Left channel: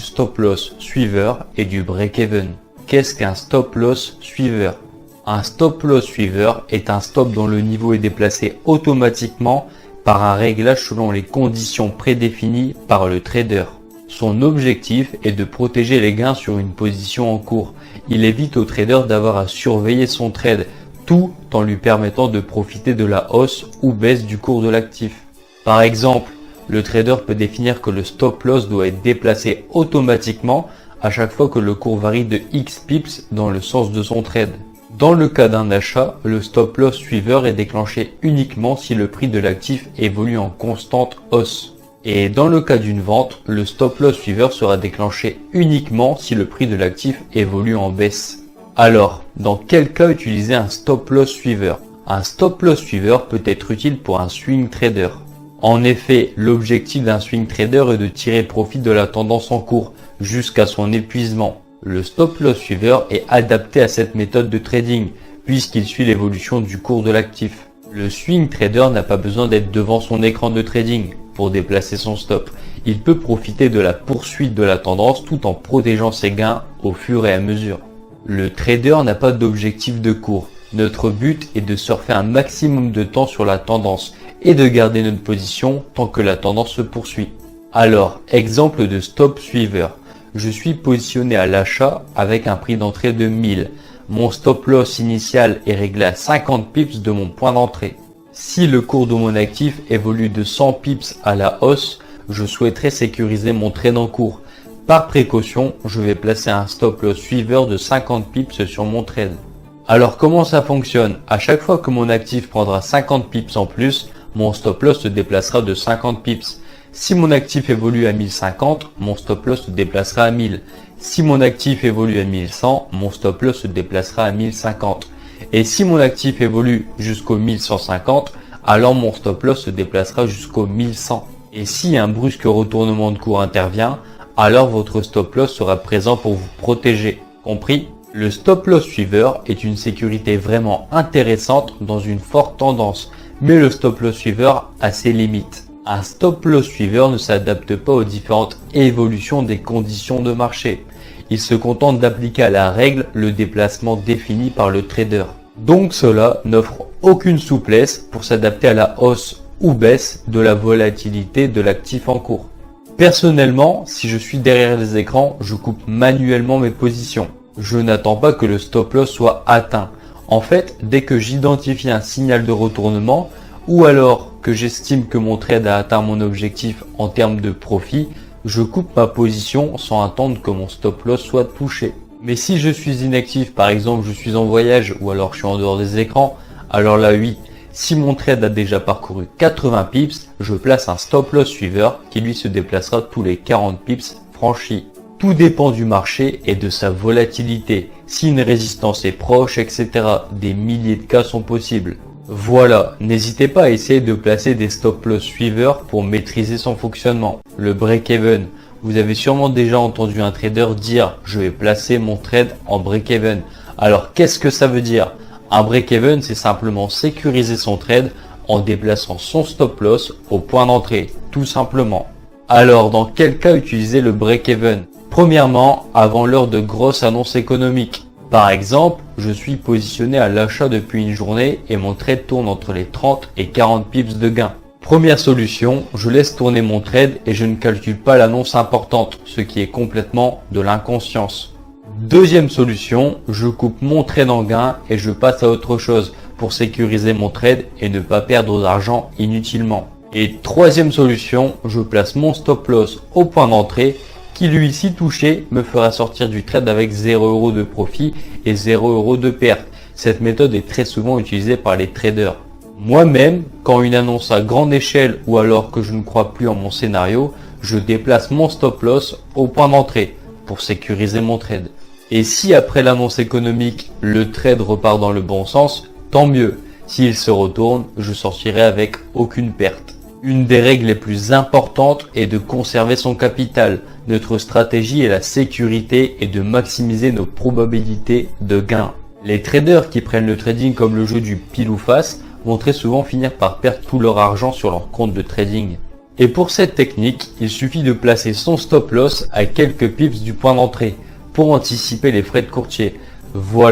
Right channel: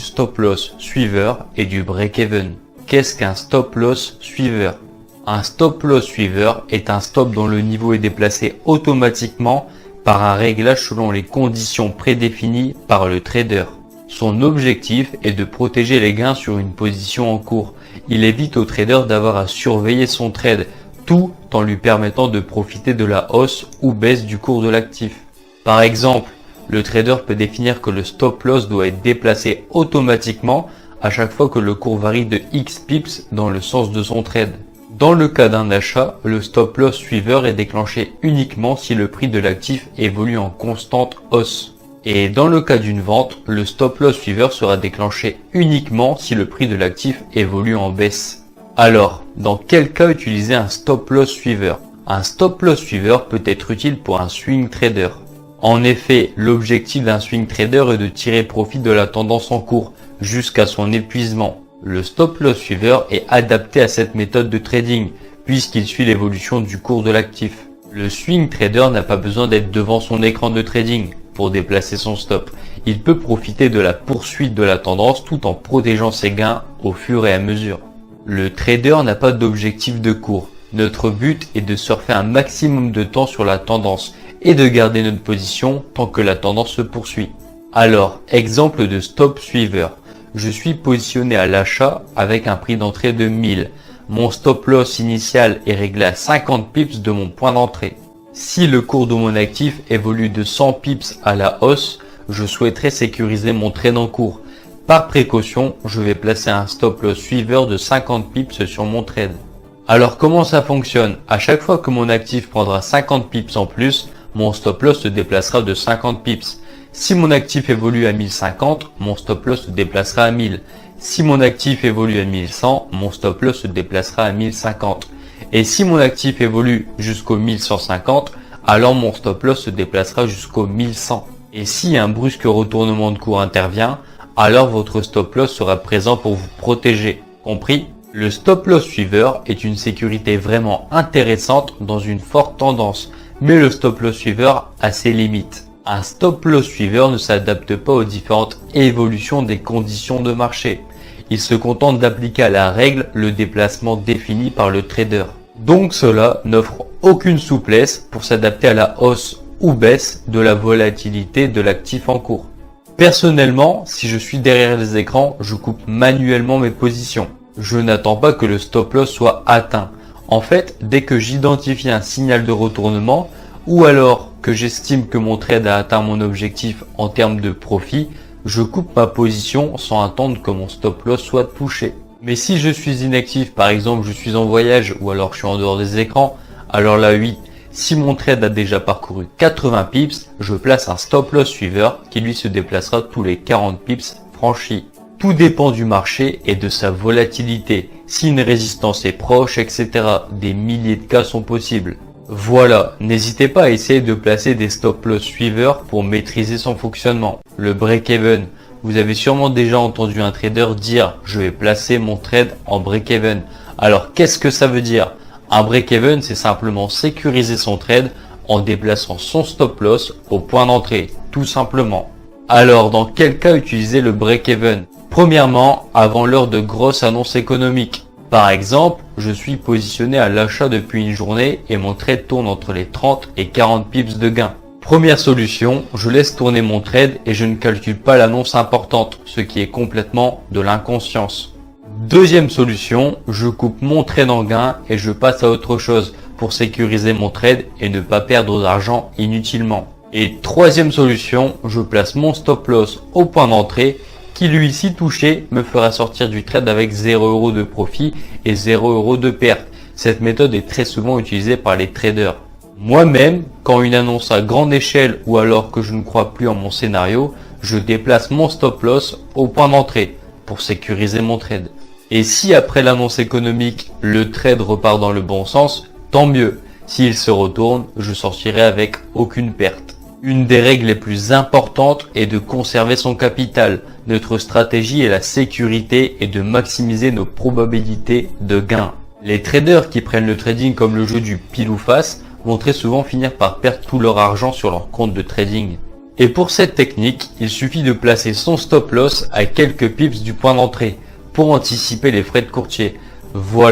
du stop loss suiveur et du break-even. Qu'est-ce qu'un stop loss suiveur? Un stop loss suiveur est un stop dont le niveau est déplacé automatiquement par un réglage selon les conditions prédéfinies par le trader. Son objectif est de protéger les gains sur une position en cours. Il évite au trader d'avoir à surveiller son trade, tout en lui permettant de profiter de la hausse ou baisse du cours de l'actif. Par exemple, le trader peut définir que le stop loss doit être déplacé automatiquement à chaque fois que le cours varie de X pips dans le sens de son trade. Dans le cas d'un achat, le stop loss suiveur est déclenché uniquement si le prix de l'actif évolue en constante hausse. Et dans le cas d'une vente, le stop loss suiveur sera déclenché uniquement si le prix de l'actif évolue en baisse. Alors, dans quel cas utiliser un stop loss suiveur? Un stop loss suiveur peut être utile pour un swing trader. En effet, l'objectif d'un swing trader est de tirer profit de la tendance en cours jusqu'à son épuisement. Le stop loss suiveur est adapté à cette méthode de trading puisqu'il suit l'évolution du cours de l'actif. Le swing trader n'a pas besoin d'être devant son écran de trading pour déplacer son stop. Il peut profiter de la poursuite de la tendance tout en protégeant ses gains au fur et à mesure. Le trader n'a pas d'objectif de cours. Notre but est de surfer un maximum de temps sur la tendance et de garder notre position tant que la tendance se poursuit. Alors, exemple de stop suiveur. Je suis positionné à l'achat avec un prix d'entrée de 1000. Mon stop loss initial est réglé à 50 pips de mon point d'entrée. Si le cours de mon actif évolue de 100 pips à la hausse, je souhaiterais sécuriser mon trade en cours. Par précaution, je vais placer un stop loss suiveur de 50 pips sur mon trade. Alors comment ça fonctionne? À chaque fois que mon actif prendra 50 pips en plus, mon stop loss se déplacera de 50 pips. Si mon actif évolue à 1050, mon stop loss se déplacera à 1000. Si mon actif évolue à 1100, mon stop loss se déplacera à 1050. Et si mon actif évolue jusqu'au 1150, alors mon stop loss se déplacera jusqu'au 1100. Et si un brusque retournement de cours intervient, alors votre stop loss sera présent pour vous protéger. Compris? Le stop loss suiveur est une sécurité vraiment intéressante dans une forte tendance, mais le stop loss suiveur a ses limites. Un stop loss suiveur ne s'adapte pas aux différentes évolutions des conditions de marché. Il se contente d'appliquer à la règle le déplacement défini par le trader. Donc cela n'offre aucune souplesse pour s'adapter à la hausse ou baisse de la volatilité de l'actif en cours. Personnellement, si je suis derrière les écrans, je coupe manuellement mes positions. Je n'attends pas que le stop loss soit atteint. En fait, dès que j'identifie un signal de retournement, ou alors que j'estime que mon trade a atteint mon objectif en termes de profit, je coupe ma position sans attendre que mon stop loss soit touché. Mais si je suis inactif, par exemple je suis en voyage ou alors je suis en dehors des écrans, alors là oui, si mon trade a déjà parcouru 80 pips, je place un stop loss suiveur qui lui se déplacera tous les 40 pips franchis. Tout dépend du marché et de sa volatilité. Si une résistance est proche, etc., des milliers de cas sont possibles. Voilà, n'hésitez pas à essayer de placer des stop loss suiveurs pour maîtriser son fonctionnement. Le break-even. Vous avez sûrement déjà entendu un trader dire « je vais placer mon trade en break-even ». Alors qu'est-ce que ça veut dire? Un break-even, c'est simplement sécuriser son trade en déplaçant son stop loss au point d'entrée, tout simplement. Alors dans quel cas utiliser le break-even? Premièrement, avant l'heure de grosses annonces économiques. Par exemple, je suis positionné à l'achat depuis une journée et mon trade tourne entre les 30 et 40 pips de gain. Première solution, je laisse tourner mon trade et je ne calcule pas l'annonce importante, ce qui est complètement de l'inconscience. Deuxième solution, je coupe mon trade en gain et je passe à autre chose pour sécuriser mon trade et ne pas perdre d'argent inutilement. Et troisième solution, je place mon stop loss au point d'entrée qui lui, si touché, me fera sortir du trade avec 0 € de profit et 0 € de perte. Cette méthode est très souvent utilisée par les traders. Moi-même, quand une annonce à grande échelle ou alors que je ne crois plus en mon scénario, je déplace mon stop loss au point d'entrée pour sécuriser mon trade. Et si après l'annonce économique, le trade repart dans le bon sens, tant mieux. S'il se retourne, je sortirai avec aucune perte. Une des règles les plus importantes est de conserver son capital. Notre stratégie est la sécurité et de maximiser nos probabilités de gain. Les traders qui prennent le trading comme le jeu du pile ou face vont très souvent finir par perdre tout leur argent sur leur compte de trading. Et pour cette technique, il suffit de placer son stop loss à quelques pips du point d'entrée pour anticiper les frais de courtier. Voilà.